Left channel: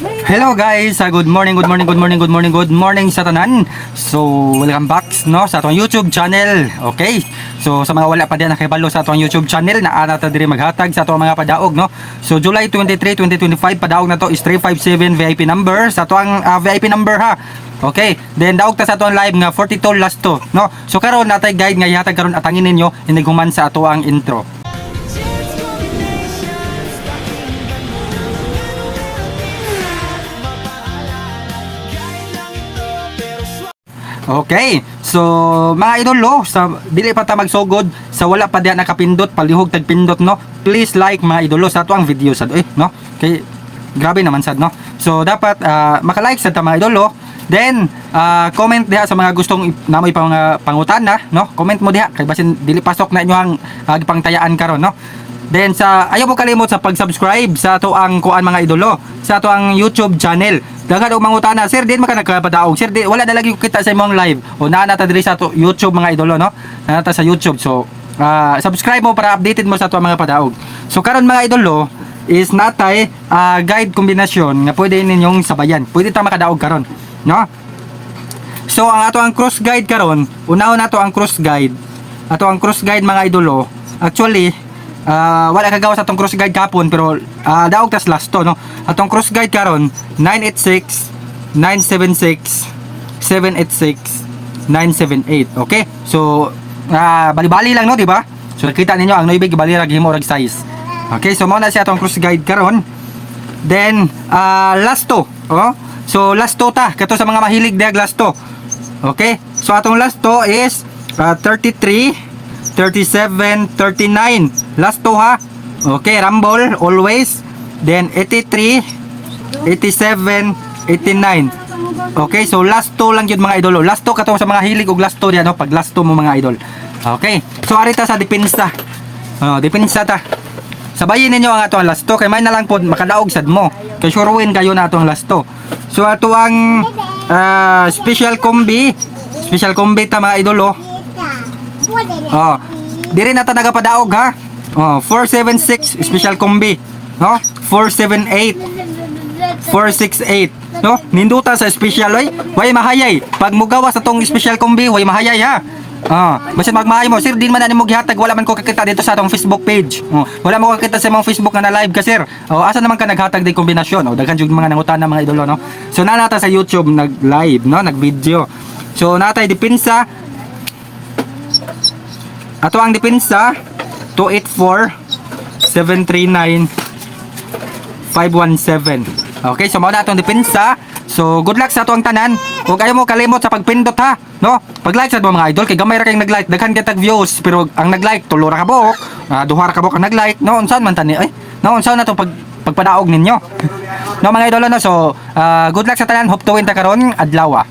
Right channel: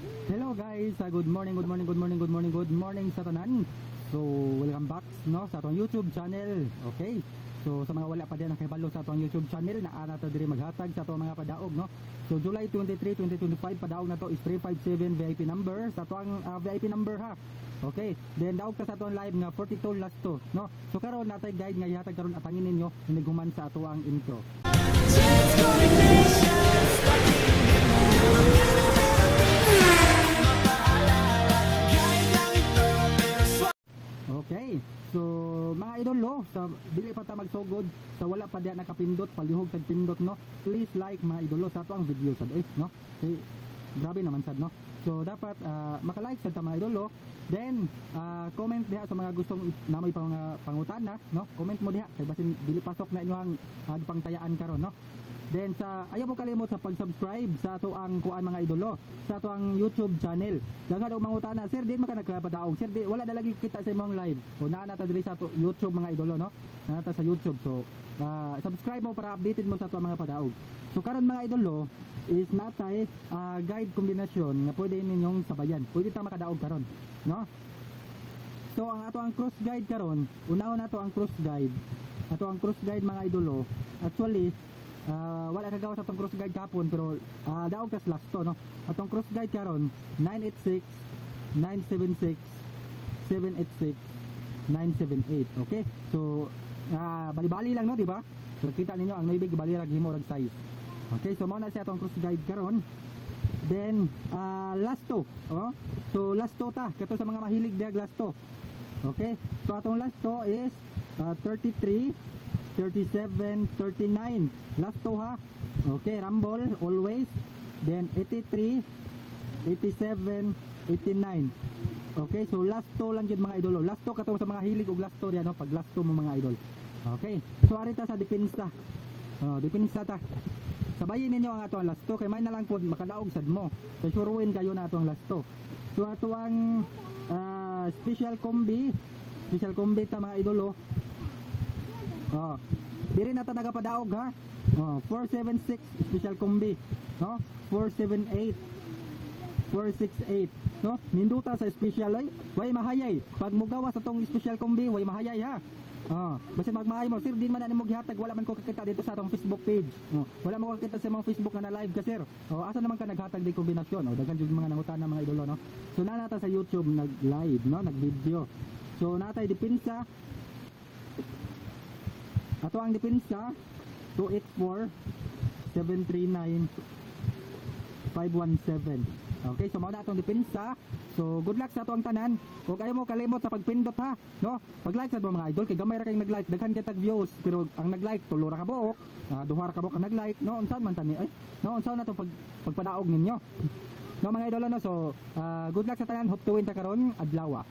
Hello guys, good morning, good morning, good morning, good morning, good morning sa tanan. So, welcome back no sa atong YouTube channel. Okay? So, sa mga wala pa din nakibalo sa atong YouTube channel, naa ta diri maghatag sa atong mga padaog no. So, July 23, 2025 padaog na to is 357 VIP number sa atong VIP number ha. Okay, then daog ta sa atong live nga 42 last to no. So karon natay guide nga ihatag karon atangin ninyo iniguman sa ato ang intro. Okay, so mga idolo, sa dili pa ta magsugod sa wala pa diha nakapindot palihog tag pindot no. Please like mga idolo sa ato ang video sad no. Kay grabe naman sad no. So dapat maka-like sad ta mga idolo. Then comment diha sa mga gustong namoy pa mga pangutana no. Comment mo diha kay basin dili pasok na inyo ang gipangtayaan karon no. Then ayaw mo kalimot sa pag-subscribe sa ato ang kuan mga idolo sa ato ang YouTube channel. Daghan og mangutana, sir, din maka nagpadaog. Sir, di wala na lagi ko kita sa imong live. O naa ta diri sa ato YouTube mga idolo no. Naa ta sa YouTube. So subscribe mo para updated mo sa ato mga padaog. So karon mga idolo is natay guide kombinasyon nga pwede ninyong sabayan. Pwede ta makadaog karon, no? So ang ato ang cross guide karon, unahon nato ang cross guide. Ato ang cross guide mga idolo. Actually wala kagawa sa atong cross guide kapon pero daog tas last to no. Atong cross guide karon 986 976 786 978. Okay? So bali-bali lang no, di ba? So nakita ninyo ang noibig bali ra gihimo rag size. Okay, so mao na siya atong cross guide karon. Then last to, so last to ta kato sa mga mahilig diag last to. Okay? So atong last to is 33 37, 39. Last to ha. Okay, rumble always. Then 83, 87, 89. Okay, so last to lang yun mga idol. Last to kato sa mga hilig og last to diyan no, pag last to mo mga idol. Okay. So arita sa depensa. Depensa ta. Sabayin ninyo ang ato ang last to kay may na lang pod makadaog sad mo. Kay sure win kayo na ato ang last to. So ato ang special combi ta mga idol diri na ta nagapadaog ha. 476 special combi, no? 478 468, no? Ninduta sa special way mahayay. Pag mugawa sa tong special combi, way mahayay ha. Basta magmahay mo, sir, din man na nimo gihatag, wala man ko kakita dito sa atong Facebook page. Wala mo kakita sa mong Facebook nga na live ka, sir. Asa naman ka naghatag di kombinasyon? Daghan jud mga nangutana mga idolo no. So nata sa YouTube nag-live, no, nag-video. So natay depensa. Ato ang depensa 284 739 517. Okay, so mao na atong depensa. So good luck sa ato ang tanan. Ug ayaw mo kalimot sa pagpindot ha, no? Pag-like sa mga idol kay gamay ra kay nag-like, daghan kay tag views pero ang nag-like tulo ra ka buok, duha ra ka buok ang nag-like. No, unsan man tani? Unsan na to pagpadaog ninyo? No mga idol no. So good luck sa tanan, hope to win ta karon adlaw.